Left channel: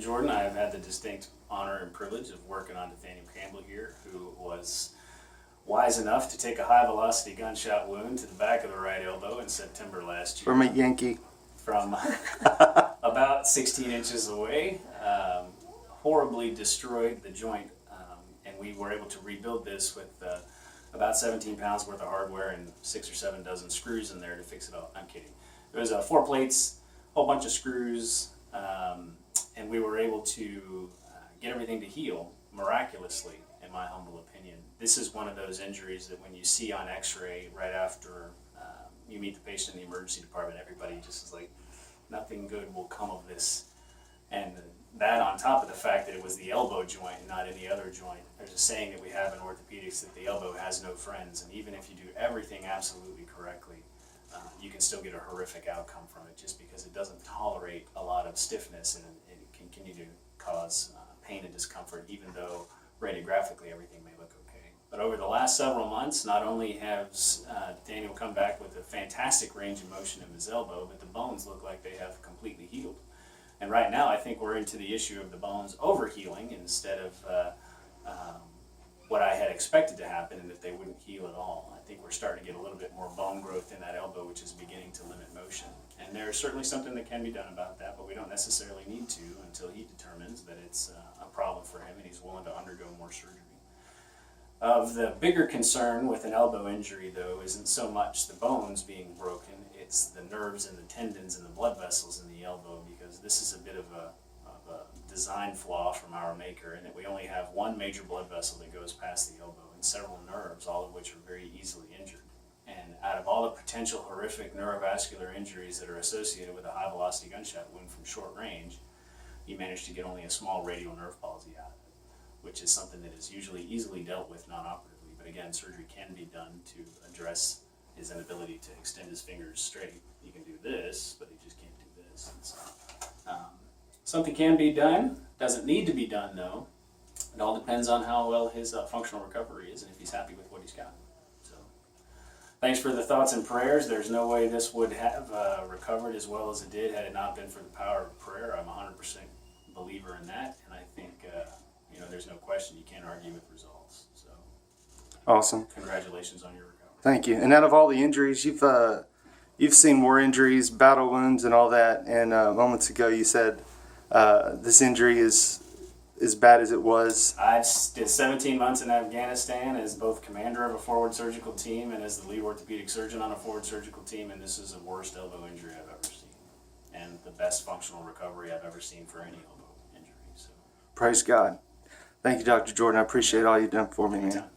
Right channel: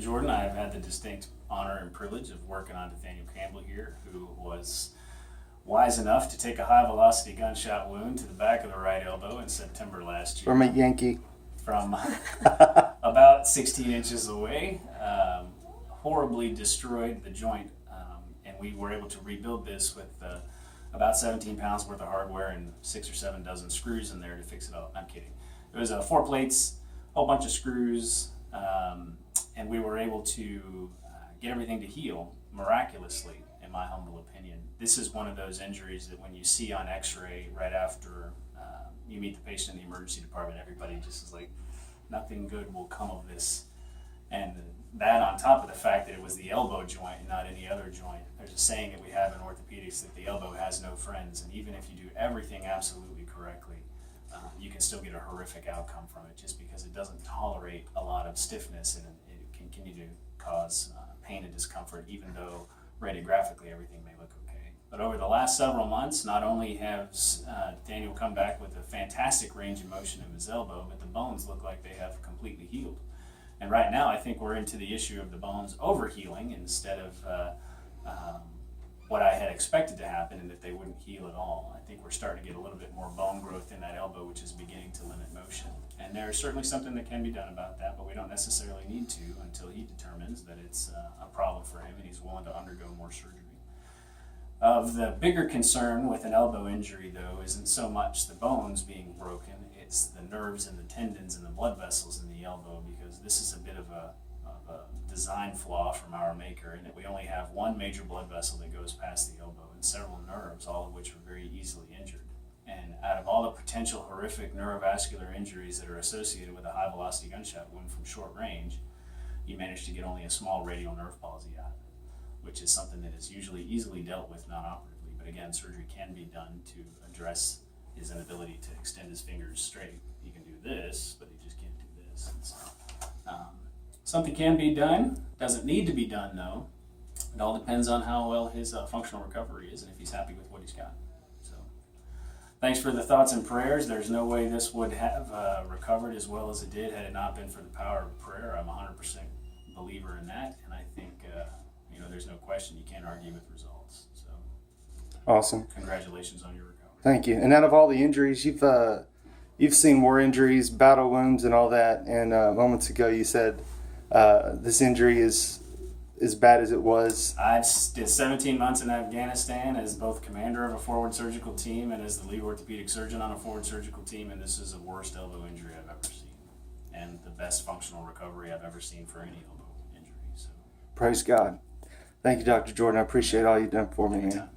Jordan. I have had the distinct honor and privilege of working on Nathaniel Campbell here, who was wise enough to take a high-velocity gunshot wound to the back of the right elbow in September last year. From a Yankee. From about 16 inches away. Horribly destroyed the joint, and we were able to rebuild this with about 17 pounds worth of hardware and 6 or 7 dozen screws in there to fix it all. I'm kidding. It was 4 plates, a whole bunch of screws, and we were able to get everything to heal miraculously, in my humble opinion. This is one of those injuries that when you see on x-ray right after you meet the patient in the emergency department, everybody just is like, nothing good will come of this. And that on top of the fact that it was the elbow joint and not any other joint. There's a saying that we have in orthopedics that the elbow has no friends, and even if you do everything absolutely correctly, you can still get a horrific outcome from it just because it doesn't tolerate a lot of stiffness, and it can continue to cause pain and discomfort, even though radiographically everything may look okay. But over the last several months, not only has Daniel come back with a fantastic range of motion in his elbow, but the bones look like they have completely healed. And right now, I think we're into the issue of the bones overhealing instead of what I had expected to happen, and that they wouldn't heal at all. I think we're starting to get a little bit more bone growth in that elbow, which is beginning to limit motion. And there's certainly something that can be done about that, but we don't necessarily need to until he determines that it's a problem for him and he's willing to undergo more surgery. Of the bigger concern with an elbow injury, though, isn't so much the bones being broken, it's the nerves and the tendons and the blood vessels in the elbow, because this is a bit of a design flaw from our maker, in that we only have one major blood vessel that goes past the elbow and several nerves, all of which are very easily injured. And out of all the potential horrific neurovascular injuries that are associated with a high-velocity gunshot wound from short range, you manage to get only a small radial nerve palsy out of it, which is something that is usually easily dealt with non-operatively. But again, surgery can be done to address his inability to extend his fingers straight. He can do this, but he just can't do this. And so, something can be done. Doesn't need to be done, though. It all depends on how well his functional recovery is and if he's happy with what he's got. So, thanks for the thoughts and prayers. There's no way this would have recovered as well as it did had it not been for the power of prayer. I'm 100% believer in that, and I think there's no question you can't argue with results. So, awesome. Congratulations on your recovery. Thank you. And out of all the injuries, you've seen more injuries, battle wounds, and all that. And moments ago, you said this injury is as bad as it was. I did 17 months in Afghanistan as both commander of a forward surgical team and as the lead orthopedic surgeon on a forward surgical team, and this is the worst elbow injury I've ever seen, and the best functional recovery I've ever seen for any elbow injury. So, praise God. Thank you, Dr. Jordan. I appreciate all you've done for me, man.